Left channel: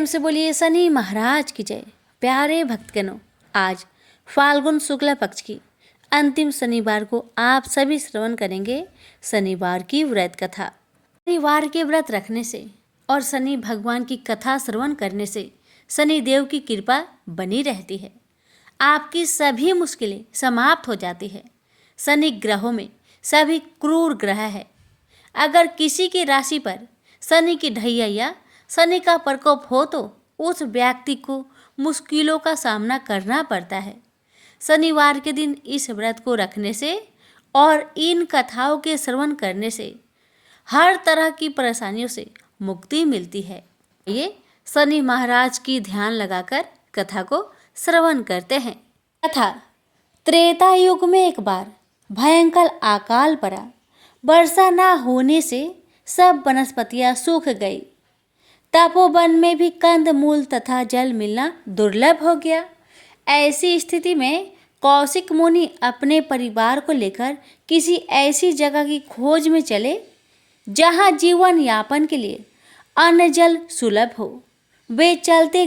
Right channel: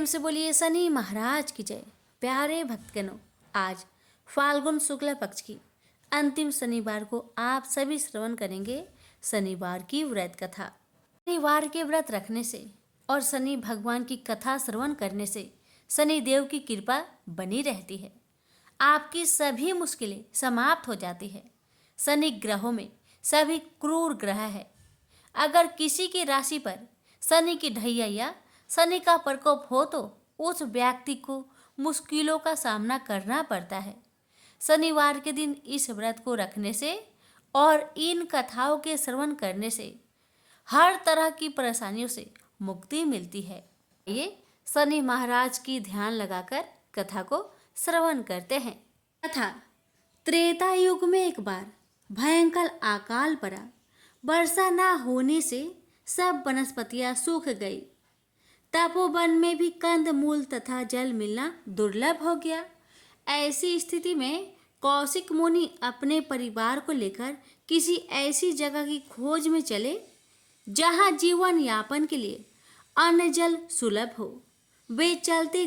प्रेम से बोलिए शनि महाराज की जय। प्यारे भक्तगणों, आज फाल्गुन शुक्ल पक्ष की अंतिम शनिवार को आप सभी श्रवण करेंगे शनिवार की व्रत कथा। शनिवार के व्रत रखने से और शनि भगवान की कथा श्रवण करने से शनि देव की कृपा बनी रहती है। आपकी सभी मुश्किलें समाप्त हो जाती है। शनि ग्रहों में सभी क्रूर ग्रह है। अगर किसी की राशि पर शनि की ढैया या शनि का प्रकोप हो तो उस व्यक्ति को मुश्किलों का सामना करना पड़ता है। शनिवार के दिन इस व्रत को रखने से और इन कथाओं के श्रवण करने से हर तरह की परेशानियों से मुक्ति मिलती है। ये शनि महाराज की ध्यान लगाकर कथा को श्रवण करते हैं। कथा। त्रेता युग में एक बार भयंकर अकाल पड़ा। वर्षा न होने से सब वनस्पतियां सूख गई। तपोवन में भी कंद मूल तथा जल मिलना दुर्लभ हो गया। ऐसी स्थिति में कौशिक मुनि अपने परिवार को लेकर किसी ऐसी जगह की खोज में चले जहां जीवन यापन के लिए अन्न जल सुलभ हो। वे चलते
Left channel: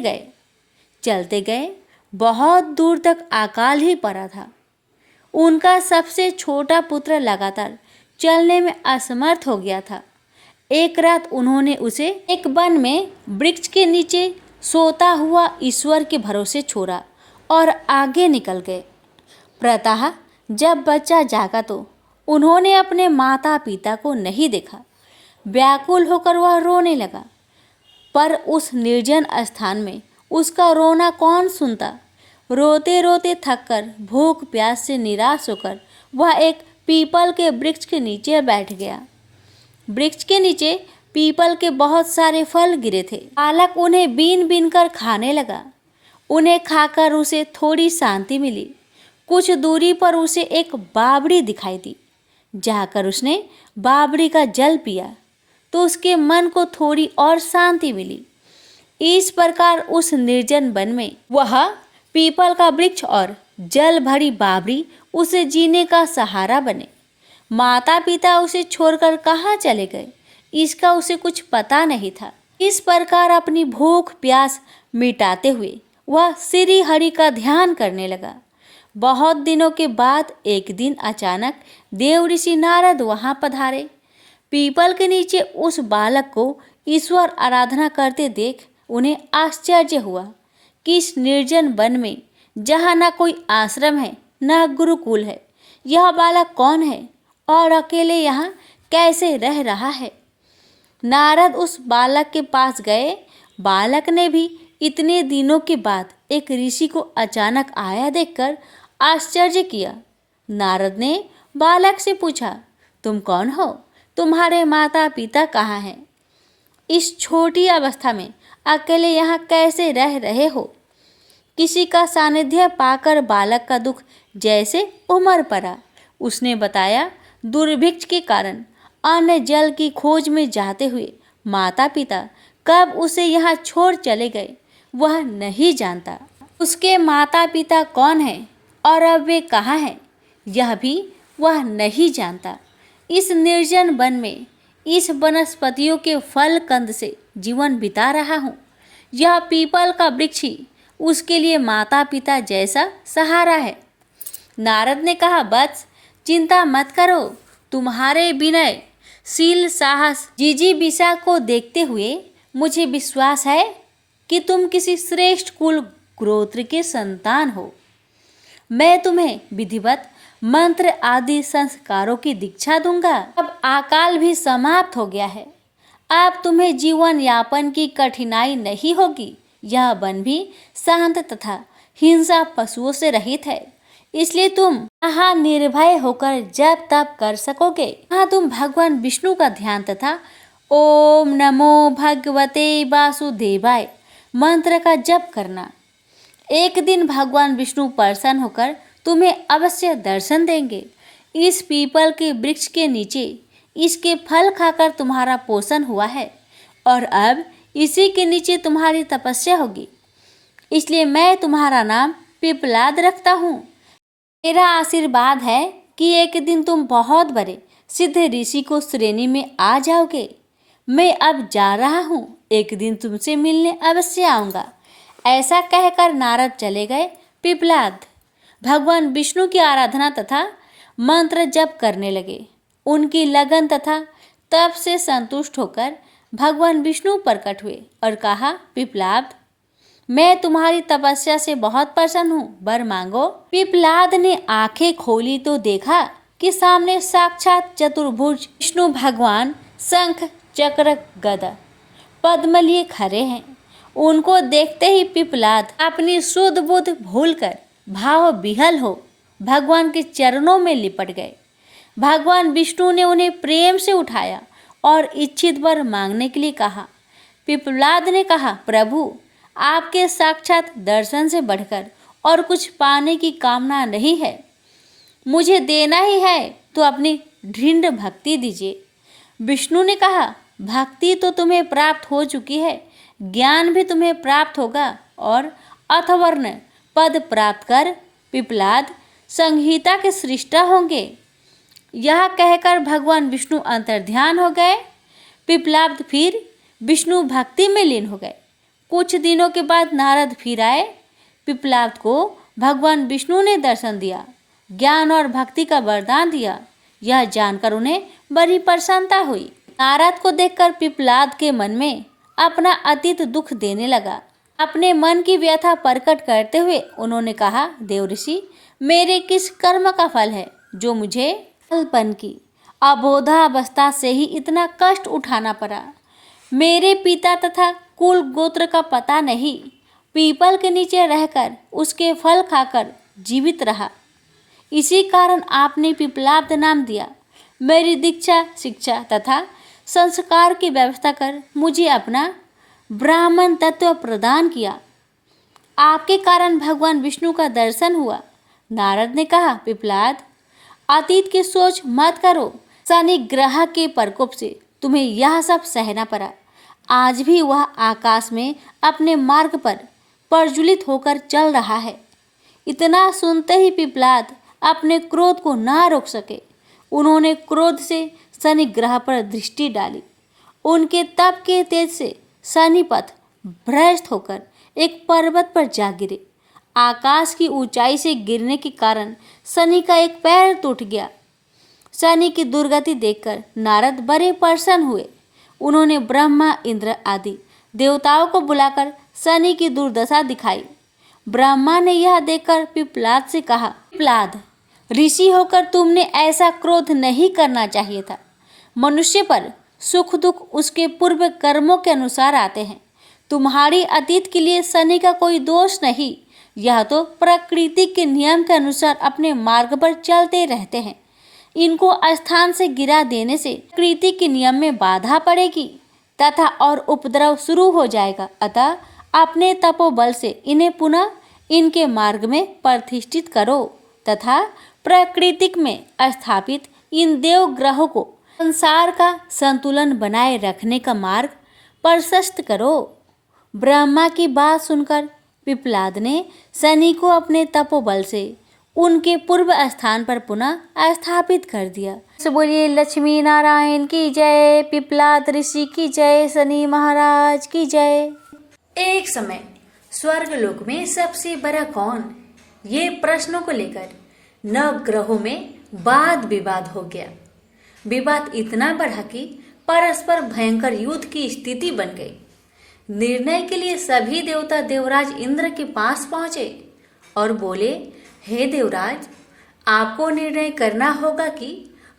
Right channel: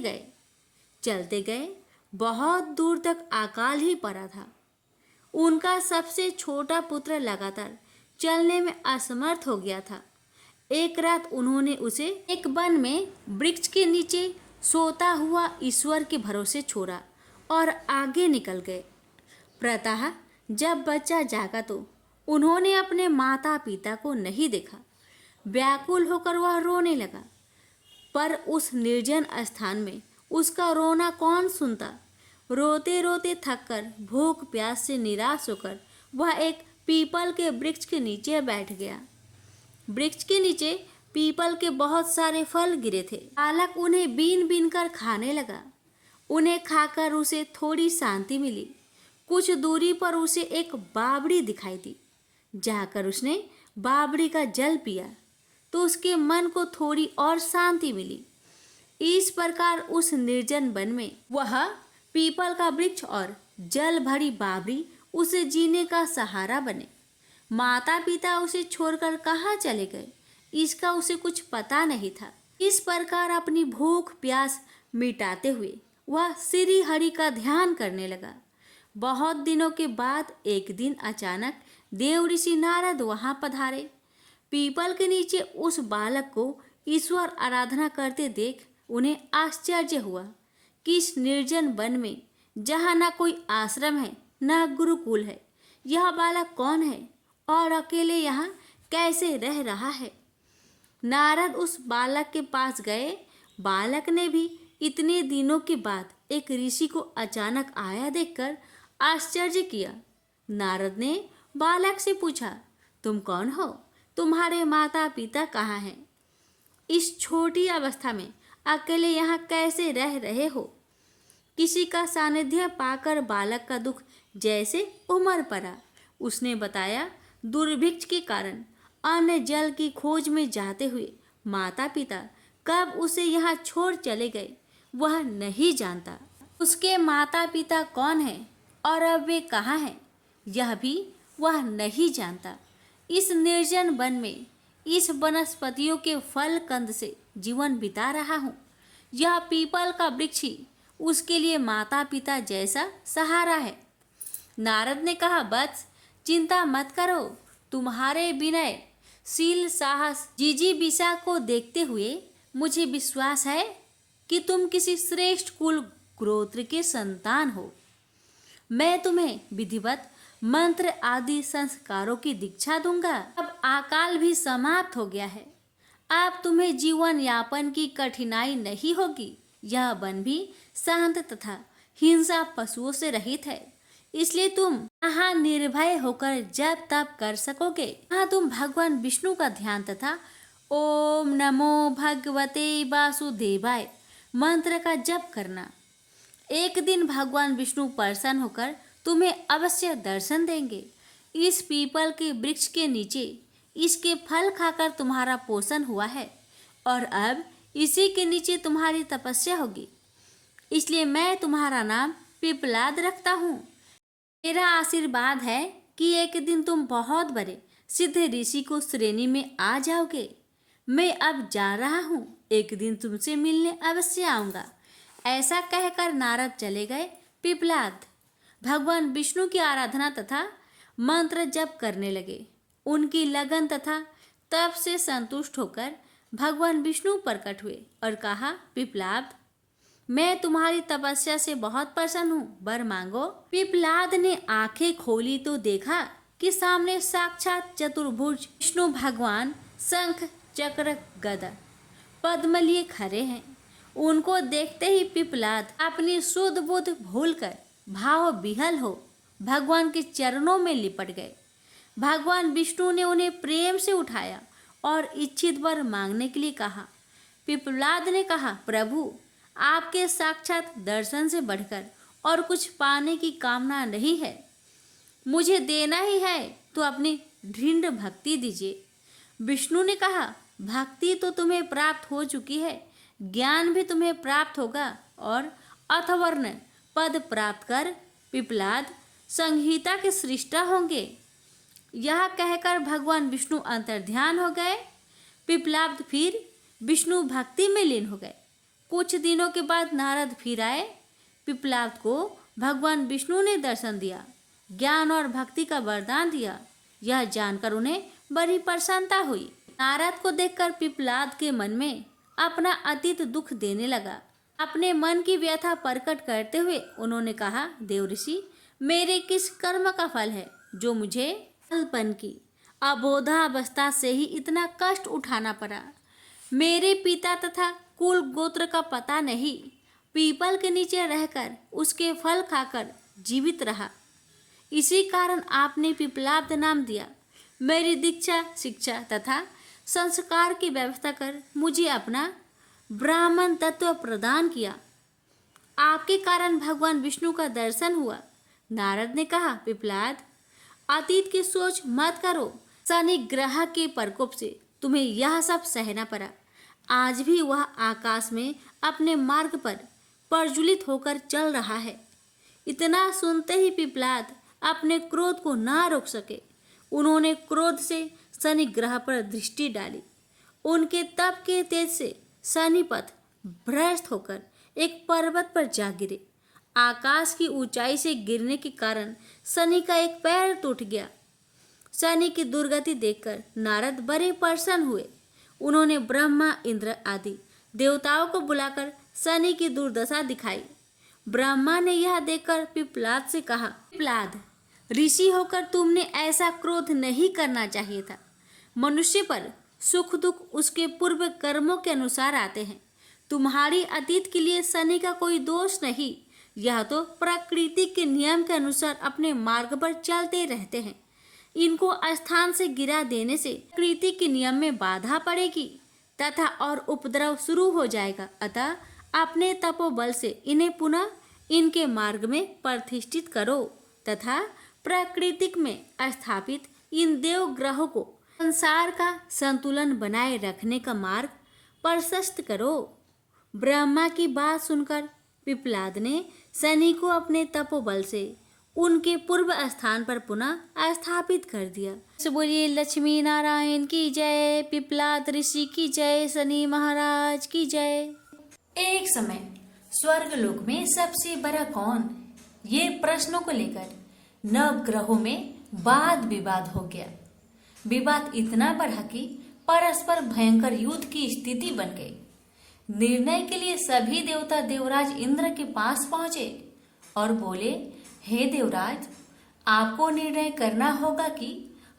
गए बहुत दूर तक अकाल ही पड़ा था। उनका सबसे छोटा पुत्र लगातार चलने में असमर्थ हो गया था। एक रात उन्होंने उसे एक वन में वृक्ष के नीचे सोता हुआ ईश्वर के भरोसे छोड़ा और आगे निकल गए। प्रातः जब बच्चा जागा तो उन्होंने अपने माता पिता को नहीं देखा। व्याकुल होकर वह रोने लगा, पर उस निर्जन स्थान में उसका रोना कौन सुनता। रोते रोते थककर भूख प्यास से निराश होकर वह एक पीपल के वृक्ष के नीचे बैठ गया। वृक्ष के नीचे पीपल के बहुत सारे फल गिरे थे। बालक उन्हें बीन बीन कर खाने लगा। उन्हें खाकर उसे थोड़ी शांति मिली। कुछ दूरी पर उसे एक बावड़ी दिखाई दी। जाकर उसने बावड़ी का जल पिया तो उसके मन को थोड़ी और शांति मिली। इस प्रकार उस निर्जन वन में वह पीपल का वृक्ष और जल भरी बावड़ी उसे जीने का सहारा बने। माता पिता उसे छोड़कर कहाँ चले गए, इसका उसे कुछ पता नहीं था। इस प्रकार अपनी भूख प्यास मिटाते हुए वह श्री हरि का ध्यान करने लगा। बहुत दिनों के बाद एक दिन अचानक देव ऋषि नारद वहां पधारे। पीपल के नीचे उस बालक को ईश्वर आराधना करते देख उन्हें आश्चर्य हुआ कि इस निर्जन वन में जहाँ न कोई आश्रम है न गुरुकुल है, यह बालक कौन है और अकेले यहाँ कैसे रह रहा है। नारद उस बालक के पास गए। बालक ने भी इतने दिनों के बाद एक ऋषि को अचानक आया देखकर आश्चर्य किया। नारद ने बालक से पूछा, तुम कौन हो? तुम्हारे माता पिता कहाँ हैं? इस छोटी अवस्था में अकेले यहाँ कैसे रह रहे हो? किसी का सानिध्य पाकर बालक का दुख जैसे उमड़ पड़ा। उसने बताया, दुर्भिक्ष के कारण अन्न जल की खोज में जाते हुए माता पिता कब उसे यहाँ छोड़ चले गए वह नहीं जानता। उसके माता पिता कौन हैं और अब वे कहाँ हैं यह भी वह नहीं जानता। इस निर्जन वन में इस वनस्पतियों के फल कंद से जीवन बिता रहा हूँ। यह पीपल का वृक्ष ही उसके लिए माता पिता जैसा सहारा है। नारद ने कहा, वत्स चिंता मत करो। तुम्हारे विनय शील साहस जिजीविषा को देखते हुए मुझे विश्वास है कि तुम किसी श्रेष्ठ कुल गोत्र के संतान हो। मैं तुम्हें विधिवत मंत्र आदि संस्कारों की दीक्षा दूंगा। अब अकाल भी समाप्त हो गया है। अब तुम्हें जीवन यापन की कठिनाई नहीं होगी। यह वन भी शांत तथा हिंसा पशुओं से रहित है, इसलिए तुम यहाँ निर्भय होकर जप तप कर सकोगे। यहाँ तुम भगवान विष्णु का ध्यान तथा ओम नमो भगवते वासुदेवाय मंत्र का जप करना। एक दिन भगवान विष्णु प्रसन्न होकर तुम्हें अवश्य दर्शन देंगे। इस पीपल के वृक्ष के नीचे इसके फल खाकर तुम्हारा पोषण हुआ है और अब इसी के नीचे तुम्हारी तपस्या होगी, इसलिए मैं तुम्हारा नाम पिपलाद रखता हूँ। मेरा आशीर्वाद है कि एक दिन तुम बहुत बड़े सिद्ध ऋषि को श्रेणी में आ जाओगे। मैं अब जा रहा हूँ। एक दिन तुमसे मिलने अवश्य आऊंगा। ऐसा कहकर नारद चले गए। पिप्पलाद भगवान विष्णु की आराधना तथा मंत्र जप करने लगे। उनकी लगन तथा तप से संतुष्ट होकर भगवान विष्णु प्रकट हुए और कहा, पिप्पलाद, मैं तुम्हारी तपस्या से बहुत प्रसन्न हूँ, वर मांगो। पिप्पलाद ने आंखें खोली तो देखा कि सामने साक्षात चतुर्भुज विष्णु भगवान शंख चक्र गदा पद्म लिए खड़े हैं। उनको देखते ही पिप्पलाद अपनी शुद्ध बुद्ध भूलकर भाव विहल हो भगवान के चरणों में लिपट गए। भगवान विष्णु ने उन्हें प्रेम से उठाया और इच्छित वर मांगने के लिए कहा। पिप्पलाद ने कहा, प्रभु, आपके साक्षात दर्शन से बढ़कर और कुछ पाने की कामना नहीं है। मुझे देना ही है तो अपनी दृढ़ भक्ति दीजिए। विष्णु ने कहा, भक्ति तो तुम्हें प्राप्त हो चुकी है, ज्ञान भी तुम्हें प्राप्त होगा और अथवर्ण पद प्राप्त कर पिप्पलाद संहिता के सृष्टा होंगे। यह कहकर भगवान विष्णु अंतर्ध्यान हो गए। पिप्पलाद फिर विष्णु भक्ति में लीन हो गए। कुछ दिनों के बाद नारद फिर आए। पिप्पलाद को भगवान विष्णु ने दर्शन दिया, ज्ञान और भक्ति का वरदान दिया। यह जानकर उन्हें बड़ी प्रसन्नता हुई। नारद को देखकर पिप्पलाद के मन में अपना अतीत दुख देने लगा। अपने मन की व्यथा प्रकट करते हुए उन्होंने कहा, देवऋषि, मेरे किस कर्म का फल है जो मुझे अल्पन की अबोधावस्था से ही इतना कष्ट उठाना पड़ा। मेरे पिता तथा कुल गोत्र का पता नहीं। पीपल के नीचे रहकर उसके फल खाकर जीवित रहा। इसी कारण आपने पिप्पलाद नाम दिया। मेरी दीक्षा, शिक्षा तथा संस्कार की व्यवस्था कर मुझे अपना ब्राह्मण तत्व प्रदान किया। आपके कारण भगवान विष्णु का दर्शन हुआ। नारद ने कहा, पिप्पलाद, अतीत की सोच मत करो। शनि ग्रह के प्रकोप से तुम्हें यह सब सहना पड़ा। आज भी वह आकाश में अपने मार्ग पर प्रज्वलित होकर चल रहा है। इतना सुनते ही पिप्पलाद अपने क्रोध को ना रोक सके। उन्होंने क्रोध से शनि ग्रह पर दृष्टि डाली। उनके तप के तेज से शनिपथ भ्रष्ट होकर एक पर्वत पर जा गिरे। आकाश की ऊंचाई से गिरने के कारण शनि का एक पैर टूट गया। शनि की दुर्गति देखकर नारद बड़े प्रसन्न हुए। उन्होंने ब्रह्मा, इंद्र आदि देवताओं को बुलाकर शनि की दुर्दशा दिखाई। ब्रह्मा ने यह देखकर पिप्पलाद से कहा, पिप्पलाद, ऋषि होकर तुमने ऐसा क्रोध नहीं करना चाहिए था। मनुष्य पर सुख दुख उसके पूर्व कर्मों के अनुसार आते हैं। तुम्हारी अतीत के लिए शनि का कोई दोष नहीं। यह तो प्रकृति के नियम के अनुसार अपने मार्ग पर चलते रहते हैं। इनको स्थान से गिरा देने से प्रकृति के नियम में बाधा पड़ेगी तथा और उपद्रव शुरू हो जाएगा। अतः अपने तपोबल से इन्हें पुनः इनके मार्ग में प्रतिष्ठित करो तथा प्राकृतिक में स्थापित इन देव ग्रहों को संसार का संतुलन बनाए रखने का मार्ग प्रशस्त करो। ब्रह्मा की बात सुनकर पिप्पलाद ने शनि को अपने तपोबल से उनके पूर्व स्थान पर पुनः स्थापित कर दिया। बोलिए लक्ष्मी नारायण की जय, पिप्पलाद ऋषि की जय, शनि महाराज की जय। एक समय स्वर्गलोक में सबसे बड़ा कौन, ये प्रश्नों को लेकर नवग्रहों में वाद विवाद हो गया। विवाद इतना बढ़ा कि परस्पर भयंकर युद्ध की स्थिति बन गई। निर्णय के लिए सभी देवता देवराज इंद्र के पास पहुंचे और बोले, हे देवराज, आपको निर्णय करना होगा कि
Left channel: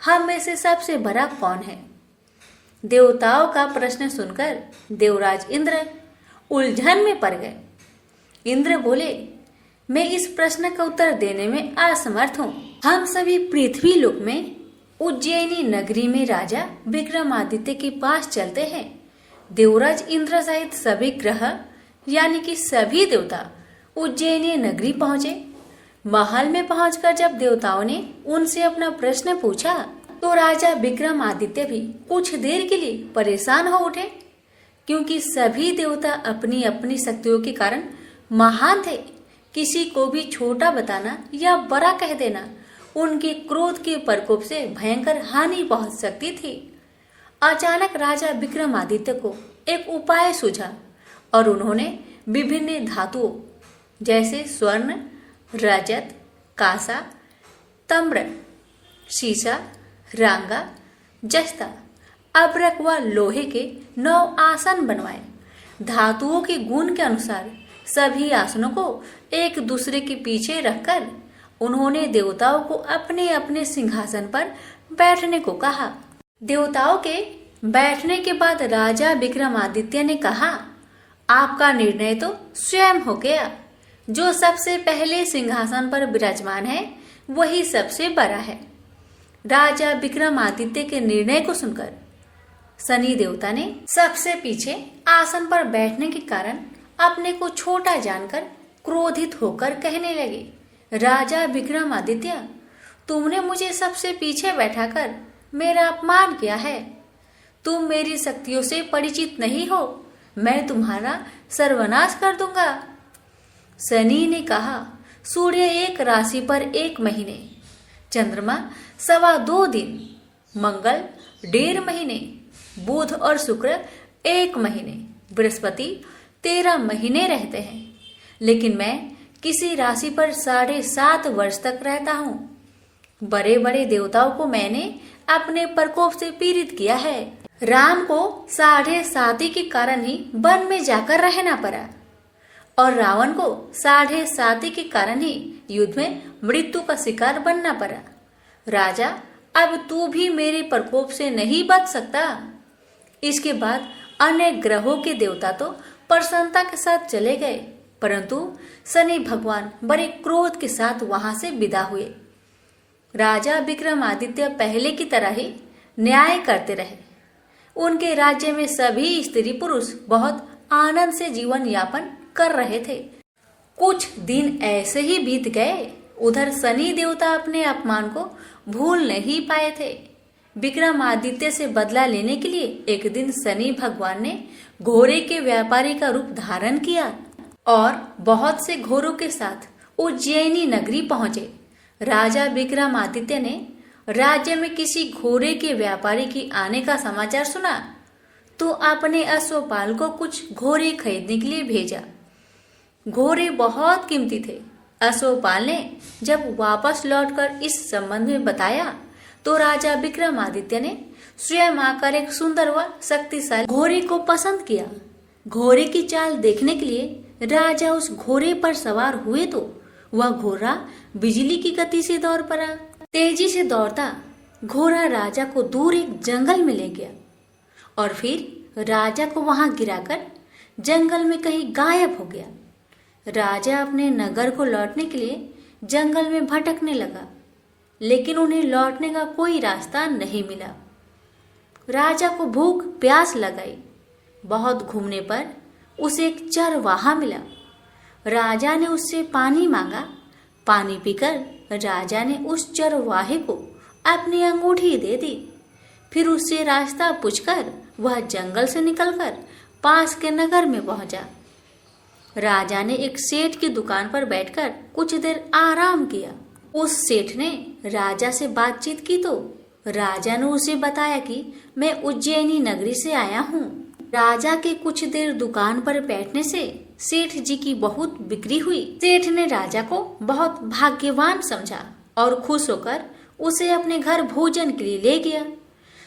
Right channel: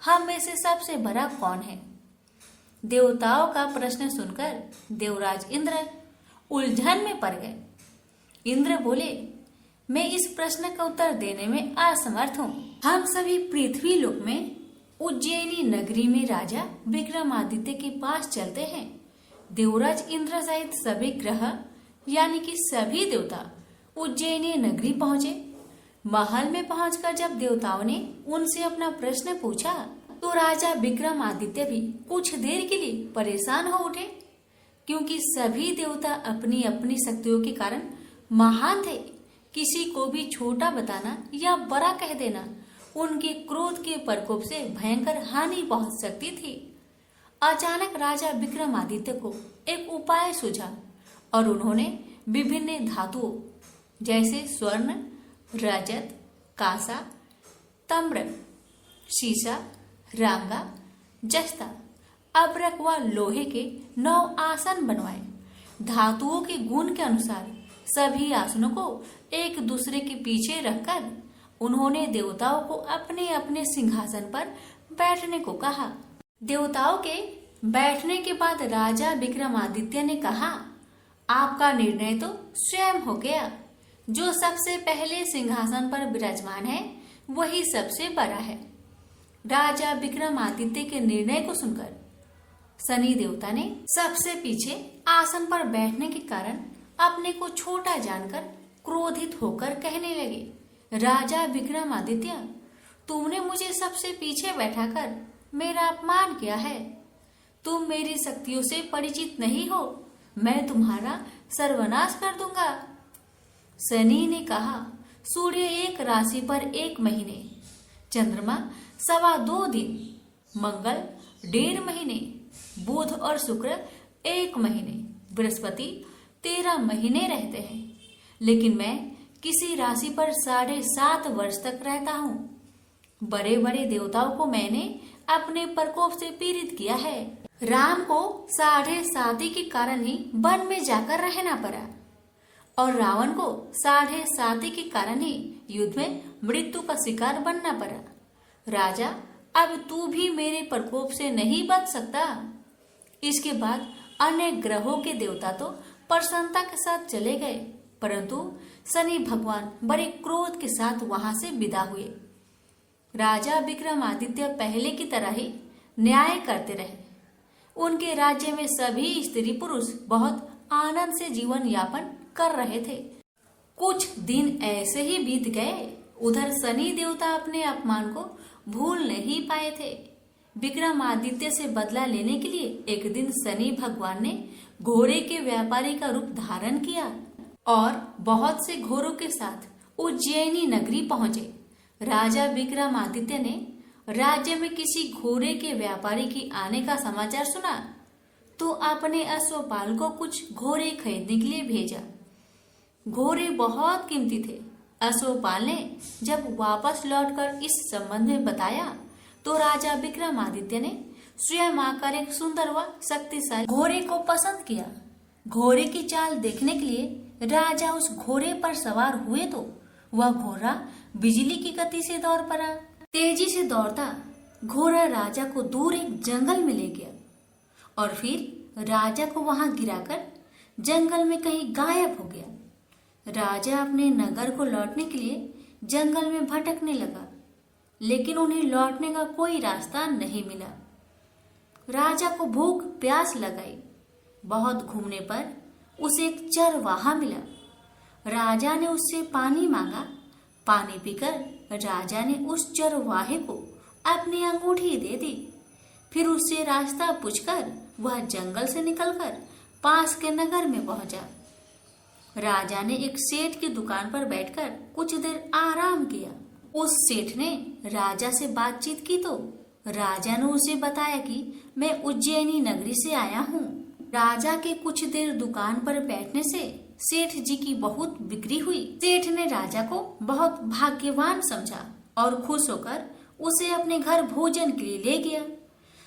हम में से सबसे बड़ा कौन है। देवताओं का प्रश्न सुनकर देवराज इंद्र उलझन में पड़ गए। इंद्र बोले, मैं इस प्रश्न का उत्तर देने में असमर्थ हूँ। हम सभी पृथ्वी लोक में उज्जैनी नगरी में राजा विक्रमादित्य के पास चलते हैं। देवराज इंद्र सहित सभी ग्रह यानी कि सभी देवता उज्जैनी नगरी पहुंचे। महल में पहुंचकर जब देवताओं ने उनसे अपना प्रश्न पूछा तो राजा विक्रमादित्य भी कुछ देर के लिए परेशान हो उठे, क्योंकि सभी देवता अपनी अपनी शक्तियों के कारण महान थे। किसी को भी छोटा बताना या बड़ा कह देना उनके क्रोध के प्रकोप से भयंकर हानि पहुंच सकती थी। अचानक राजा विक्रमादित्य को एक उपाय सूझा और उन्होंने विभिन्न धातुओं जैसे स्वर्ण, रजत, कांसा, ताम्र, सीसा, रांगा, जस्ता, अब्रक व लोहे के 9 आसन बनवाए। धातुओं के गुण के अनुसार सभी आसनों को एक दूसरे के पीछे रखकर उन्होंने देवताओं को अपने अपने सिंहासन पर बैठने को कहा। देवताओं के बैठने के बाद राजा विक्रमादित्य ने कहा, आपका निर्णय तो स्वयं हो गया। जो सबसे पहले सिंहासन पर विराजमान है वही सबसे बड़ा है। राजा विक्रमादित्य के निर्णय को सुनकर शनि देवता ने सबसे पीछे आसन पर बैठने के कारण अपने को छोटा जानकर क्रोधित होकर कहने लगे, राजा विक्रमादित्य, तुमने मुझे सबसे पीछे बैठाकर मेरा अपमान किया है। तुम मेरी शक्तियों से परिचित नहीं हो, मैं तुम्हारा सर्वनाश कर दूंगा। शनि ने कहा, सूर्य एक राशि पर 1 महीने, चंद्रमा 2.25 दिन, मंगल 1.5 महीने, बुध और शुक्र 1 महीने, बृहस्पति 13 महीने रहते हैं, लेकिन मैं किसी राशि पर 7.5 वर्ष तक रहता हूँ। बड़े बड़े देवताओं को मैंने अपने प्रकोप से पीड़ित किया है। राम को 7.5 के कारण ही वन में जाकर रहना पड़ा और रावण को 7.5 के कारण ही युद्ध में मृत्यु का शिकार बनना पड़ा। राजा, अब तू भी मेरे प्रकोप से नहीं बच सकता। इसके बाद अन्य ग्रहों के देवता तो प्रसन्नता के साथ चले गए, परंतु शनि भगवान बड़े क्रोध के साथ वहां से विदा हुए। राजा विक्रमादित्य पहले की तरह ही न्याय करते रहे। उनके राज्य में सभी स्त्री पुरुष बहुत आनंद से जीवन यापन कर रहे थे। कुछ दिन ऐसे ही बीत गए। उधर शनि देवता अपने अपमान को भूल नहीं पाए थे। विक्रमादित्य से बदला लेने के लिए एक दिन शनि भगवान ने घोड़े के व्यापारी का रूप धारण किया और बहुत से घोड़ों के साथ उज्जैनी नगरी पहुंचे। राजा विक्रमादित्य ने राज्य में किसी घोड़े के व्यापारी की आने का समाचार सुना तो अपने अश्वपाल को कुछ घोड़े खरीदने के लिए भेजा। घोड़े बहुत कीमती थे। अश्वपाल ने जब वापस लौटकर इस संबंध में बताया तो राजा विक्रमादित्य ने स्वयं आकर एक सुंदर व शक्तिशाली घोड़े को पसंद किया। घोड़े की चाल देखने के लिए राजा उस घोड़े पर सवार हुए तो वह घोड़ा बिजली की गति से दौड़ पड़ा। तेजी से दौड़ता घोड़ा राजा को दूर एक जंगल में ले गया और फिर राजा को वहां गिराकर जंगल में कहीं गायब हो गया। राजा अपने नगर को लौटने के लिए जंगल में भटकने लगा, लेकिन उन्हें लौटने का कोई रास्ता नहीं मिला। राजा को भूख प्यास लगाई। बहुत घूमने पर उसे एक चरवाहा मिला। राजा ने उससे पानी मांगा। पानी पीकर राजा ने उस चरवाहे को अपनी अंगूठी दे दी। फिर उससे रास्ता पूछकर वह जंगल से निकलकर पास के नगर में पहुंचा। राजा ने एक सेठ की दुकान पर बैठकर कुछ देर आराम किया। उस सेठ ने राजा से बातचीत की तो राजा ने उसे बताया कि मैं उज्जैनी नगरी से आया हूँ। राजा के कुछ देर दुकान पर बैठने से सेठ जी की बहुत बिक्री हुई। सेठ ने राजा को बहुत भाग्यवान समझा और खुश होकर उसे अपने घर भोजन के लिए ले गया।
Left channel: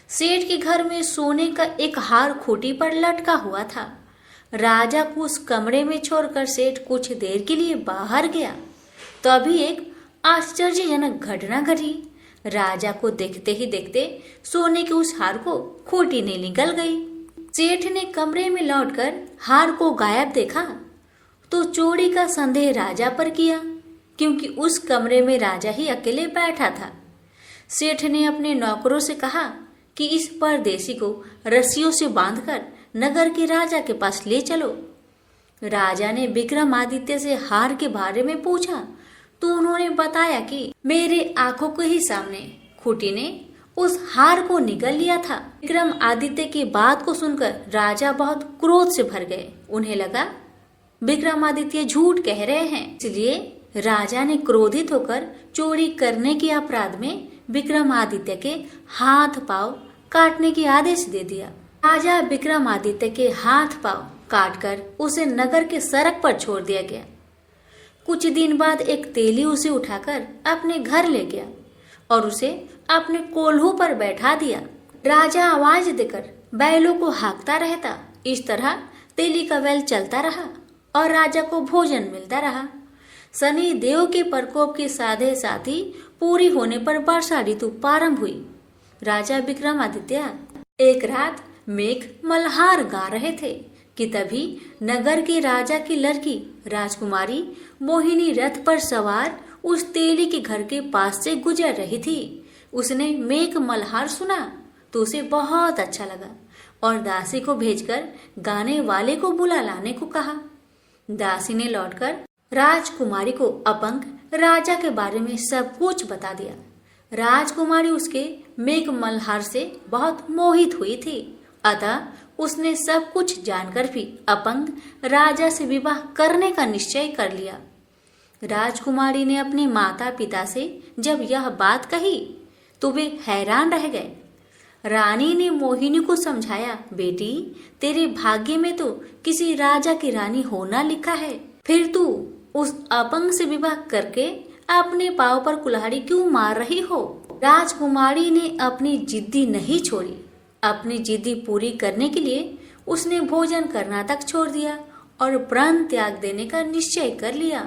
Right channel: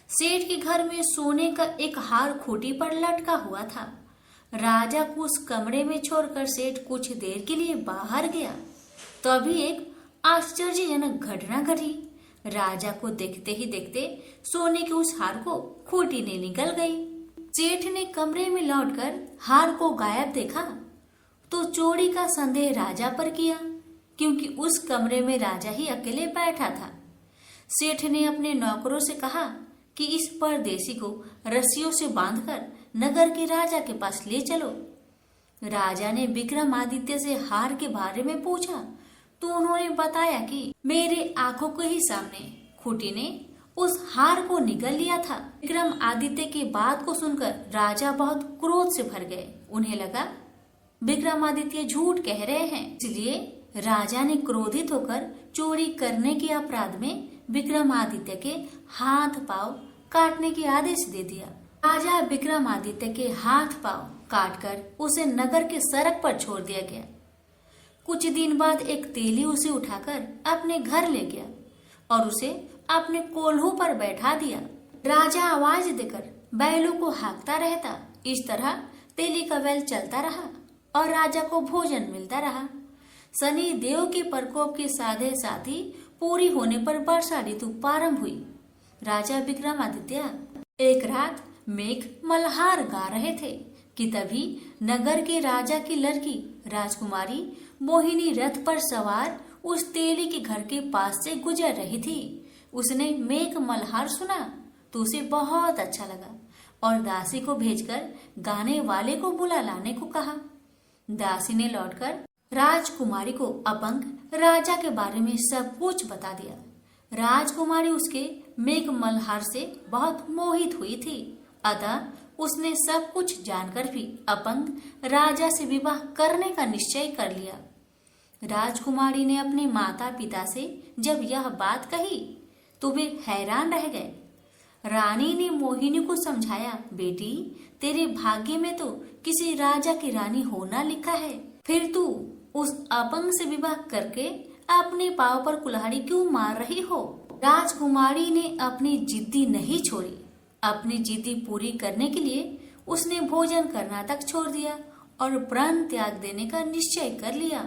सेठ के घर में सोने का एक हार खूंटी पर लटका हुआ था। राजा को उस कमरे में छोड़कर सेठ कुछ देर के लिए बाहर गया। तभी एक आश्चर्यजनक घटना घटी। राजा को देखते ही देखते सोने के उस हार को खूंटी ने निकल गई। सेठ ने कमरे में लौटकर हार को गायब देखा तो चोरी का संदेह राजा पर किया, क्योंकि उस कमरे में राजा ही अकेले बैठा था। सेठ ने अपने नौकरों से कहा कि इस परदेसी को रस्सियों से बांधकर नगर के राजा के पास ले चलो। राजा ने विक्रमादित्य से हार के बारे में पूछा तो उन्होंने बताया कि मेरे आंखों के ही सामने खूंटी ने उस हार को निगल लिया था। विक्रमादित्य की बात को सुनकर राजा बहुत क्रोध से भर गए। उन्हें लगा विक्रमादित्य झूठ कह रहे हैं, इसलिए राजा ने क्रोधित होकर चोरी करने के अपराध में विक्रमादित्य के हाथ पांव काटने के आदेश दे दिया। राजा विक्रमादित्य के हाथ पांव काटकर उसे नगर के सड़क पर छोड़ दिया गया। कुछ दिन बाद एक तेली उसे उठाकर अपने घर ले गया और उसे अपने कोल्हू पर बैठा दिया। राजा आवाज देकर बैलों को हाँकता रहता। इस तरह तेली का बैल चलता रहा और राजा को भोजन मिलता रहा। शनि देव के प्रकोप के साधे साथी पूरी होने पर वर्षा ऋतु प्रारंभ हुई। राजा विक्रमादित्य एक रात मेघ मल्हार गा रहे थे कि तभी नगर के राजा की लड़की राजकुमारी मोहिनी रथ पर सवार उस तेली के घर के पास से गुजर रही थी। उसने मेघ मल्हार सुना तो उसे बहुत अच्छा लगा और दासी को भेजकर गाने वाले को बुला लाने को कहा। दासी ने लौटकर राजकुमारी को अपंग राजा के बारे में सब कुछ बता दिया। राजकुमारी उसके मेघ मल्हार से बहुत मोहित हुई थी, अतः उसने सब कुछ जानकर भी अपंग राजा से विवाह करने का निश्चय कर लिया। राजकुमारी ने अपने माता पिता से जब यह बात कही तो वे हैरान रह गए। रानी ने मोहिनी को समझाया, बेटी तेरे भाग्य में तो किसी राजा की रानी होना लिखा है, फिर तू उस अपंग से विवाह करके अपने पांव पर कुल्हाड़ी क्यों मार रही हो। राजकुमारी ने अपनी जिद्दी नहीं छोड़ी। अपनी जिद्दी पूरी करने के लिए उसने भोजन करना तक छोड़ दिया और प्राण त्याग देने का निश्चय कर लिया।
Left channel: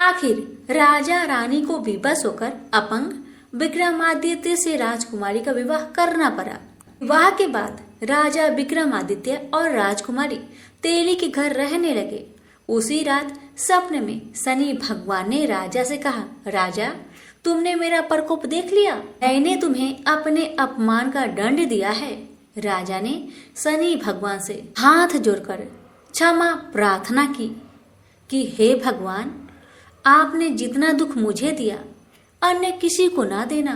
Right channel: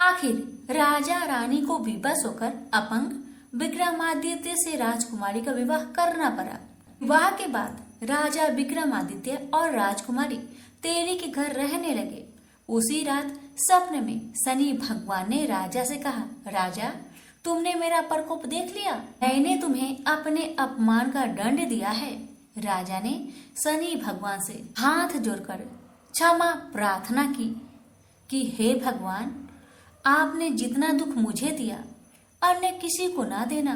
आखिर राजा रानी को विवश होकर अपंग विक्रमादित्य से राजकुमारी का विवाह करना पड़ा। विवाह के बाद राजा विक्रमादित्य और राजकुमारी तेली के घर रहने लगे। उसी रात सपने में शनि भगवान ने राजा से कहा, राजा तुमने मेरा प्रकोप देख लिया, मैंने तुम्हें अपने अपमान का दंड दिया है। राजा ने शनि भगवान से हाथ जोड़कर क्षमा प्रार्थना की कि हे भगवान, आपने जितना दुख मुझे दिया अन्य किसी को ना देना।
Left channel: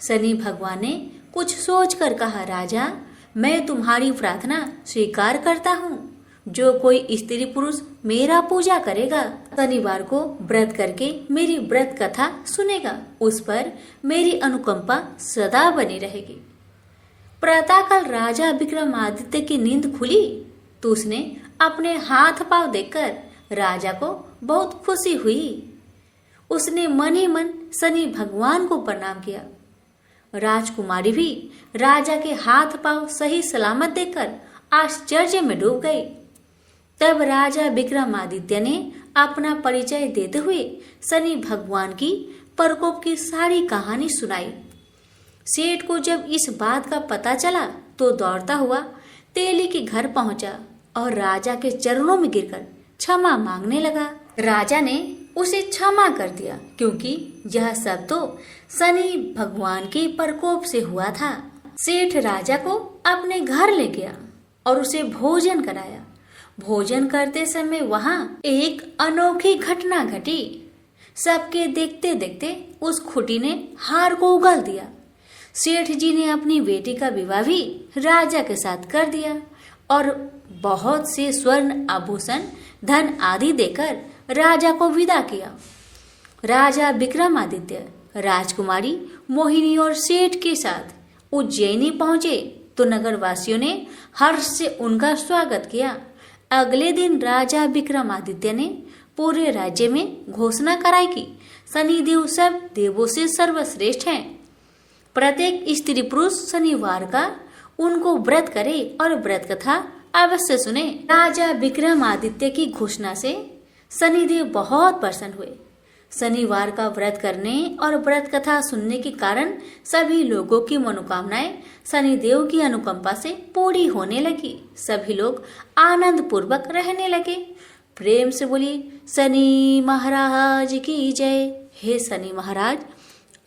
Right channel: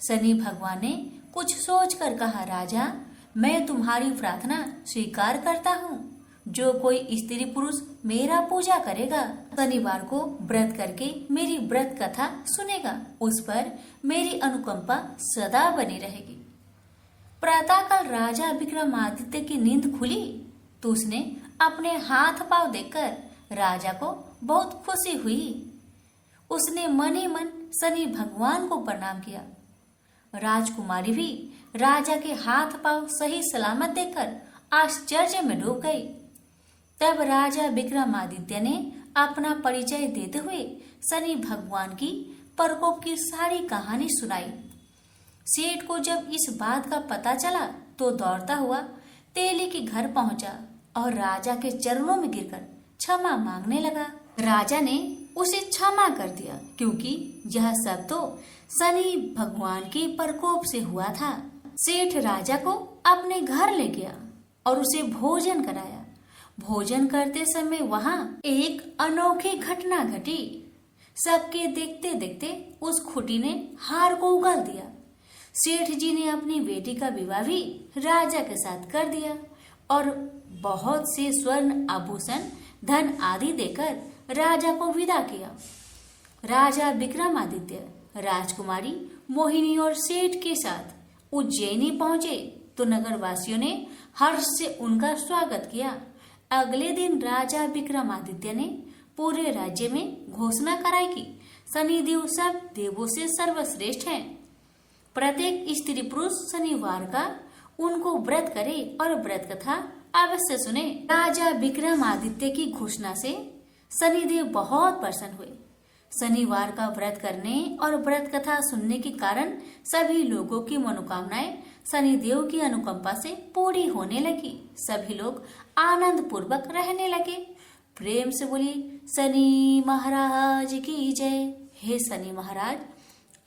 शनि भगवान ने कुछ सोचकर कहा, राजा मैं तुम्हारी प्रार्थना स्वीकार करता हूँ। जो कोई स्त्री पुरुष मेरा पूजा करेगा, शनिवार को व्रत करके मेरी व्रत कथा सुनेगा, उस पर मेरी अनुकंपा सदा बनी रहेगी। प्रातःकाल राजा विक्रमादित्य की नींद खुली तो उसने अपने हाथ पांव देखकर राजा को बहुत खुशी हुई। उसने मन ही मन शनि भगवान को प्रणाम किया। राजकुमारी भी राजा के हाथ पांव सही सलामत देखकर आश्चर्य में डूब गई। तब राजा विक्रमादित्य ने अपना परिचय देते हुए शनि भगवान की प्रकोप की सारी कहानी सुनाई। सेठ को जब इस बात का पता चला तो दौड़ता हुआ तेली के घर पहुंचा और राजा के चरणों में गिरकर क्षमा मांगने लगा। राजा ने उसे क्षमा कर दिया क्योंकि यह सब तो शनि भगवान के प्रकोप से हुआ था। सेठ राजा को अपने घर ले गया और उसे भोजन कराया। भोजन करते समय वहां एक अनोखी घटना घटी। सबके देखते देखते उस खुटी ने हार को उगल दिया। सेठ जी ने अपनी बेटी का विवाह भी राजा के साथ कर दिया और बहुत से स्वर्ण आभूषण धन आदि देकर राजा को विदा किया। राजा विक्रमादित्य राजकुमारी मोहिनी और सेठ के साथ उज्जैनी पहुंचे तो नगरवासियों ने हर्ष से उनका स्वागत किया। अगले दिन राजा विक्रमादित्य ने पूरे राज्य में घोषणा कराई कि शनिदेव सब देवों से सर्वश्रेष्ठ हैं। प्रत्येक स्त्री पुरुष शनिवार का उनको व्रत करे और व्रत कथा अवश्य सुने। राजा विक्रमादित्य की घोषणा से शनिदेव बहुत प्रसन्न हुए। शनिवार का व्रत करने और व्रत कथा सुनने के कारण सभी लोगों की मनोकामनाएं शनिदेव की अनुकंपा से पूरी होने लगी। सभी लोग आनंद पूर्वक रहने लगे। प्रेम से बोलिए शनि महाराज की जय। हे शनि महाराज,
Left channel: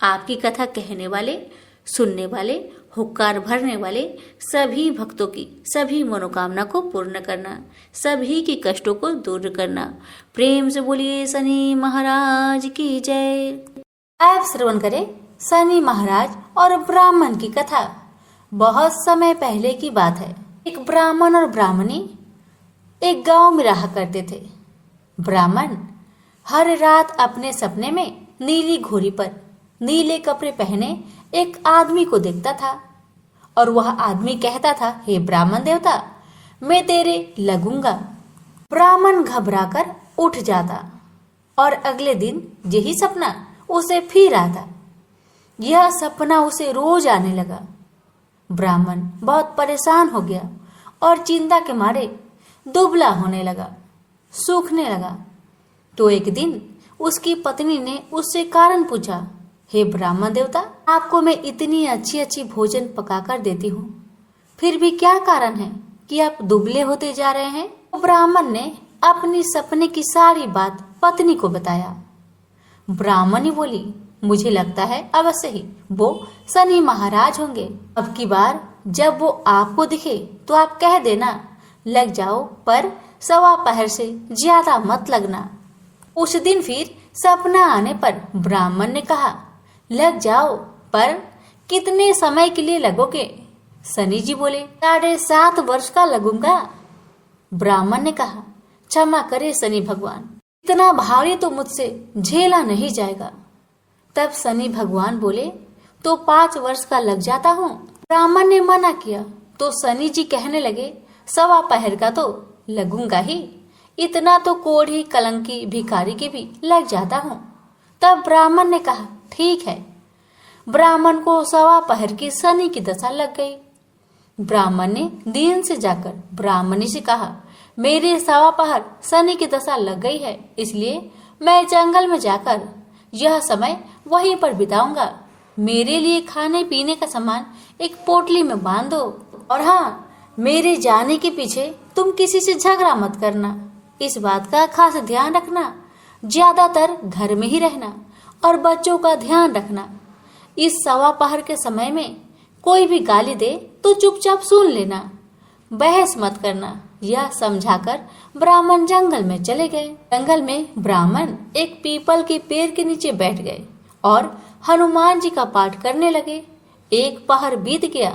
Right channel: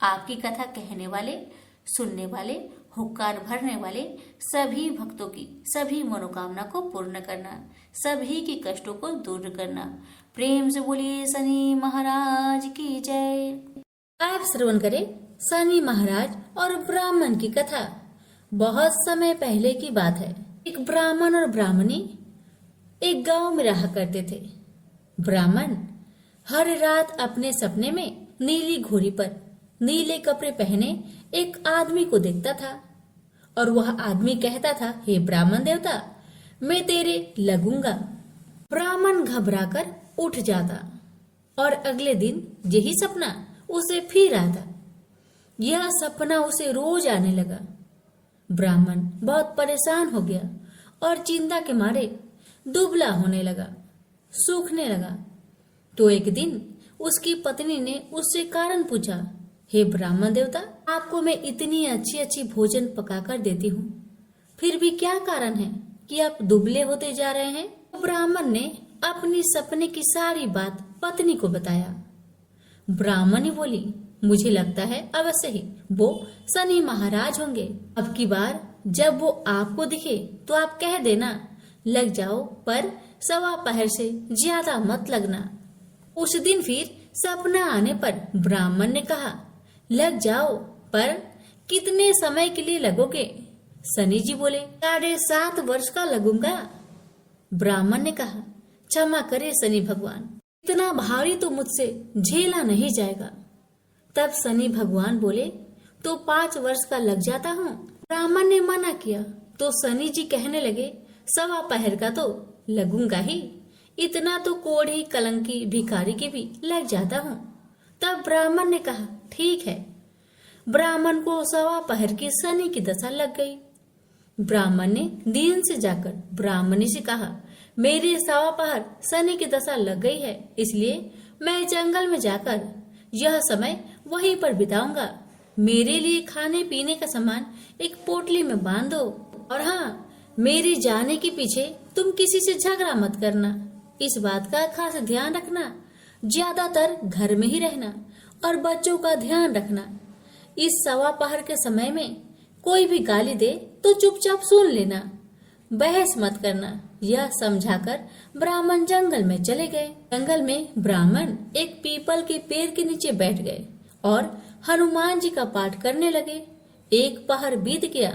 आपकी कथा कहने वाले, सुनने वाले, हुक्कार भरने वाले सभी भक्तों की सभी मनोकामना को पूर्ण करना, सभी के कष्टों को दूर करना। प्रेम से बोलिए शनि महाराज की जय। आप श्रवण करें शनि महाराज और ब्राह्मण की कथा। बहुत समय पहले की बात है। एक ब्राह्मण और ब्राह्मणी एक गांव में रहा करते थे। ब्राह्मण हर रात अपने सपने में नीली घोड़ी पर नीले कपड़े पहने एक आदमी को देखता था और वह आदमी कहता था, हे ब्राह्मण देवता, मैं तेरे लगूंगा। ब्राह्मण घबराकर उठ जाता और अगले दिन यही सपना उसे फिर आता। यह सपना उसे रोज आने लगा। ब्राह्मण बहुत परेशान हो गया और चिंता के मारे दुबला होने लगा, सूखने लगा। तो एक दिन उसकी पत्नी ने उससे कारण पूछा, हे ब्राह्मण देवता, आपको मैं इतनी अच्छी अच्छी भोजन पकाकर देती हूँ, फिर भी क्या कारण है कि आप दुबले होते जा रहे हैं? तो ब्राह्मण ने अपनी सपने की सारी बात पत्नी को बताया। ब्राह्मणी बोली, मुझे लगता है अवश्य ही वो शनि महाराज होंगे। अब की बार जब वो आपको दिखे तो आप कह देना, लग जाओ, पर 1:15 से ज्यादा मत लगना। उस दिन फिर सपना आने पर ब्राह्मण ने कहा, लग जाओ, पर कितने समय के लिए लगोगे? शनि जी बोले, 7.5 वर्ष का लगूंगा। ब्राह्मण ने कहा, क्षमा करे शनि भगवान, इतना भारी तो मुझसे झेला नहीं जाएगा। तब शनि भगवान बोले, तो 5 वर्ष का लग जाता हूँ। ब्राह्मण ने मना किया तो शनि जी कहने लगे, 1:15 का तो लगूंगा ही, इतना तो कोढ़ी कलंकी भिखारी के भी लग जाता हूँ। तब ब्राह्मण ने कहा, ठीक है। ब्राह्मण को 1:15 की शनि की दशा लग गई। ब्राह्मण ने दीन से जाकर ब्राह्मणी से कहा, मेरे 1:15 शनि की दशा लग गई है, इसलिए मैं जंगल में जाकर यह समय वहीं पर बिताऊंगा। मेरे लिए खाने पीने का सामान एक पोटली में बांध दो, और हाँ, मेरे जाने के पीछे तुम किसी से झगड़ा मत करना। इस बात का खास ध्यान रखना, ज्यादातर घर में ही रहना और बच्चों का ध्यान रखना। इस 1:15 के समय में कोई भी गाली दे तो चुपचाप सुन लेना, बहस मत करना। यह समझाकर ब्राह्मण जंगल में चले गए। जंगल में ब्राह्मण एक पीपल के पेड़ के नीचे बैठ गए और हनुमान जी का पाठ करने लगे। 1 पहर बीत गया।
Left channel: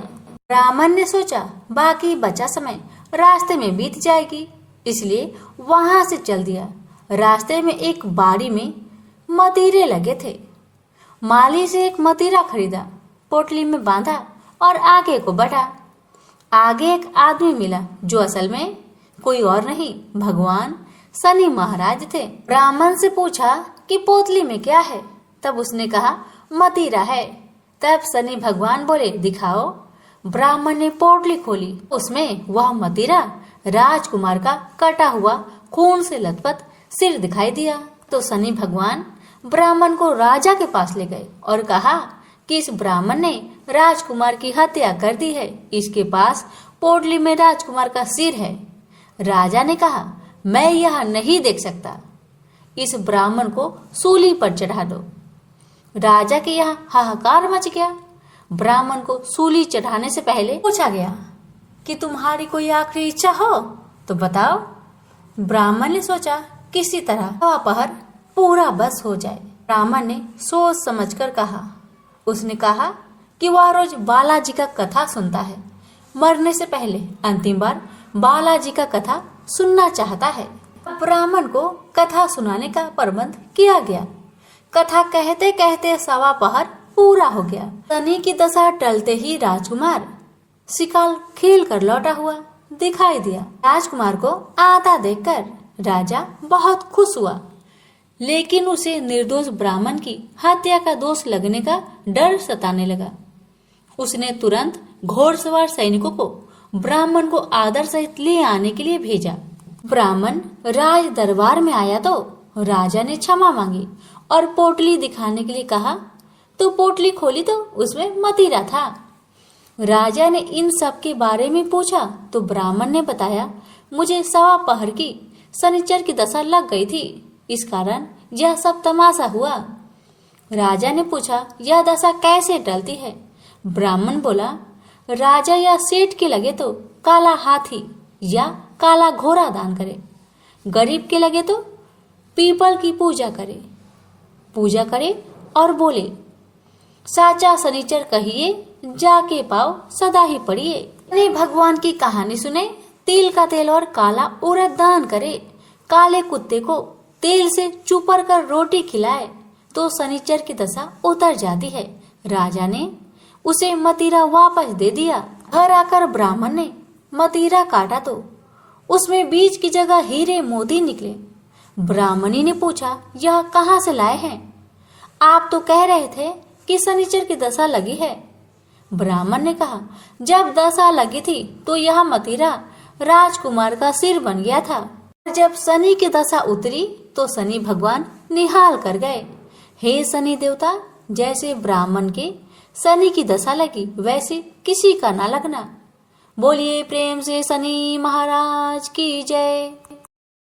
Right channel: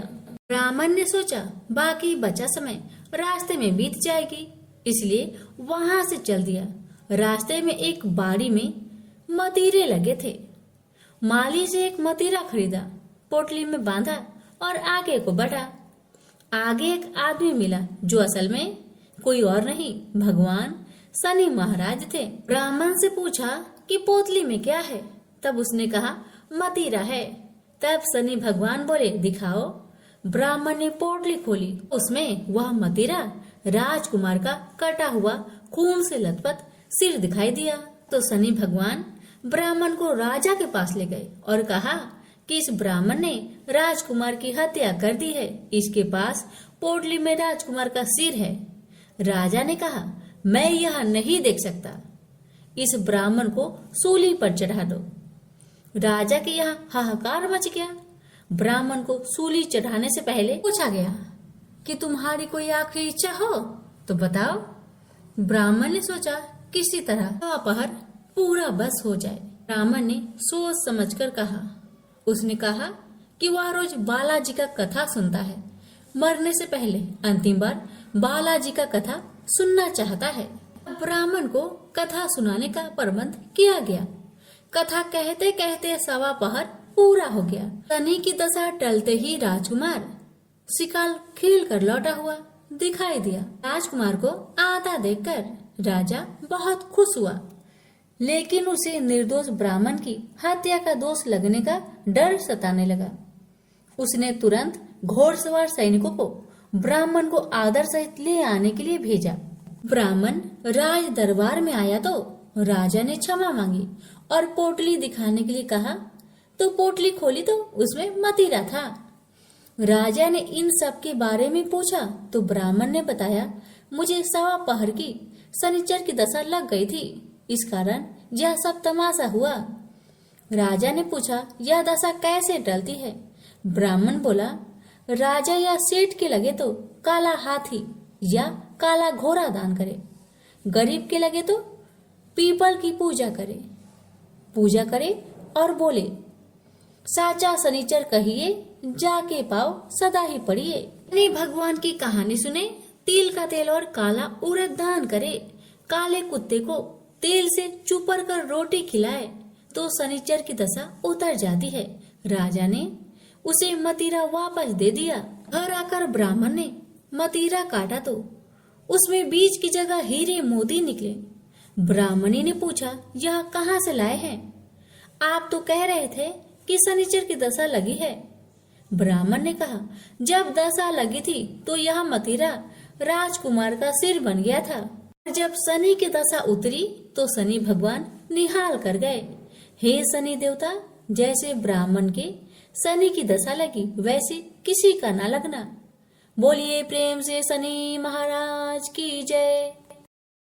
ब्राह्मण ने सोचा, बाकी बचा समय रास्ते में बीत जाएगी, इसलिए वहां से चल दिया। रास्ते में एक बाड़ी में मतीरे लगे थे। माली से एक मतीरा खरीदा, पोटली में बांधा और आगे को बढ़ा। आगे एक आदमी मिला जो असल में कोई और नहीं, भगवान शनि महाराज थे। ब्राह्मण से पूछा कि पोतली में क्या है? तब उसने कहा, मतीरा है। तब शनि भगवान बोले, दिखाओ। ब्राह्मण ने पोटली खोली, उसमें वह मतीरा राजकुमार का कटा हुआ खून से लथपथ सिर दिखाई दिया। तो शनि भगवान ब्राह्मण को राजा के पास ले गए और कहा कि इस ब्राह्मण ने राजकुमार की हत्या कर दी है, इसके पास पोटली में राजकुमार का सिर है। राजा ने कहा, मैं यह नहीं देख सकता, इस ब्राह्मण को सूली पर चढ़ा दो। राजा के यहाँ हाहाकार मच गया। ब्राह्मण को सूली चढ़ाने से पहले पूछा गया कि तुम्हारी कोई आखिरी इच्छा हो तो बताओ। ब्राह्मण ने सोचा, किसी तरह 1:15 पूरा बस हो जाए। ब्राह्मण ने सोच समझकर कहा। उसने कहा कि वह रोज बालाजी का कथा सुनता है, मरने से पहले अंतिम बार बालाजी का कथा सुनना चाहता है। ब्राह्मण को कथा सुनाने का प्रबंध किया गया। कथा कहते कहते 1:15 पूरा हो गया। शनि की दशा टलते ही राजकुमार शिकार खेल कर लौटा हुआ दिखाई दिया। राजकुमार को आता देखकर राजा बहुत खुश हुआ, लेकिन उसे निर्दोष ब्राह्मण की हत्या का दोष लगने का डर सताने लगा। उसने तुरंत घोड़सवार सैनिकों को ब्राह्मण को आदर सहित ले आने के लिए भेजा। ब्राह्मण राज दरबार में आया तो राजा ने क्षमा मांगी और पोटली दिखाने के लिए कहा, तो पोटली खोली तो उसमें मतीरा था। राजा ने इन सब के बारे में पूछा तो ब्राह्मण ने बताया, मुझे 1:15 की शनिचर की दशा लग गई थी, इस कारण यह सब तमाशा हुआ। राजा ने पूछा, यह दशा कैसे टलती है? ब्राह्मण बोला, राजा या सेठ के लगे तो काला हाथी या काला घोड़ा दान करे, गरीब के लगे तो पीपल की पूजा करे और बोले, साचा शनिचर कहिए, जाके पाओ सदा ही पढ़िए। अपने भगवान की कहानी सुने, तिल का तेल और काला उड़द दान करे, काले कुत्ते को तेल से चुपर कर रोटी खिलाए तो शनिचर की दशा उतर जाती है। राजा ने उसे मदिरा वापस दे दिया। घर आकर ब्राह्मण ने मदिरा काटा तो उसमें बीज की जगह हीरे मोती निकले। ब्राह्मणी ने पूछा, यह कहाँ से लाए हैं? आप तो कह रहे थे कि शनिचर की दशा लगी है। ब्राह्मण ने कहा, जब दशा लगी थी तो यह मदिरा राजकुमार का सिर बन गया था। जब शनि की दशा उतरी तो शनि भगवान निहाल कर गए। हे शनि देवता, जैसे ब्राह्मण के शनि की दशा लगी वैसे किसी का ना लगना। बोलिए प्रेम से शनि महाराज की जय।